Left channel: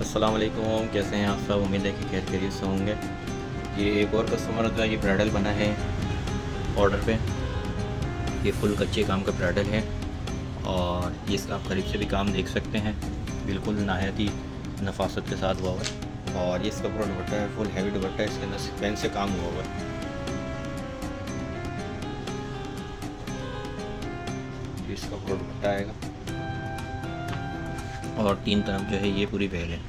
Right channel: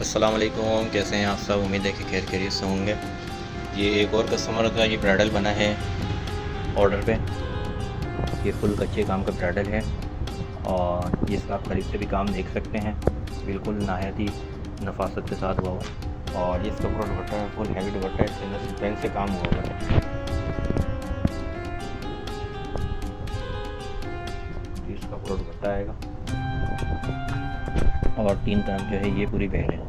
अस्सलाम वालेकुम, कैसे हैं आप सब। उम्मीद है कि खैर खैरियत से होंगे। ये एक और कस्टमर का ये ब्राइडल बना है ऑर्डर पे। ये फुल कच्चे काम का ब्राइडल है और ये इसका आप करीब से भी काम देख सकते हैं, बिल्कुल नहायत ही नफासत के साथ हुआ हुआ। और ये इसका पूरा दुपट्टा है, फुल हैवी दुपट्टा है, इसके अंदर सीक्वेंस से काम हुआ हुआ है। ये इसका पूरा दुपट्टा आएगा और तीन तरफ जो है ये पूरी बेल है।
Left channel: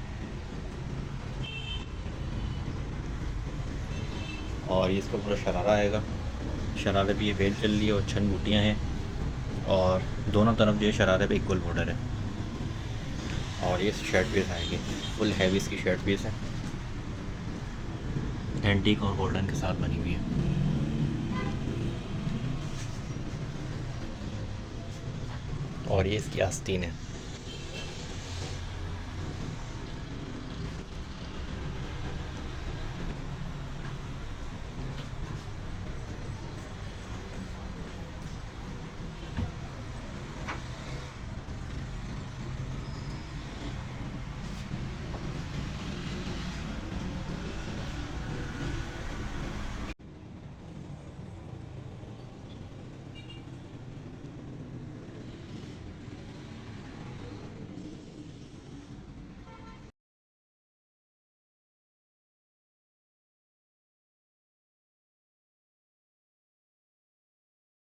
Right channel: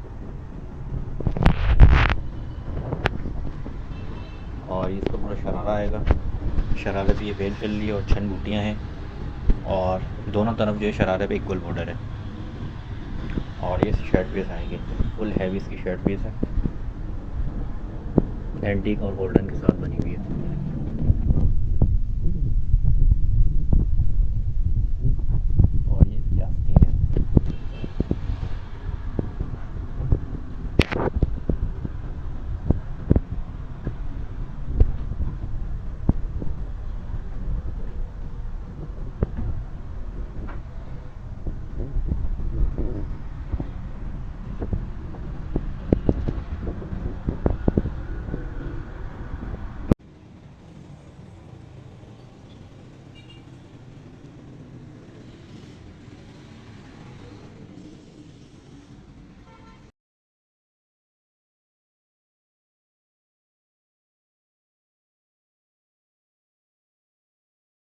और ये इसका पूरा शरारा आएगा। शरारे पे ये बेल चल रही है और छन बूटियाँ हैं और दोनों तरफ जो है शरारे पे इक्वल बॉर्डर है। और ये शर्ट पीस आएगी, फुल हैवी इसकी शर्ट पीस है, एंटीक और गोल्डन के साथ बनी हुई है। और ये इसकी आस्तीन है।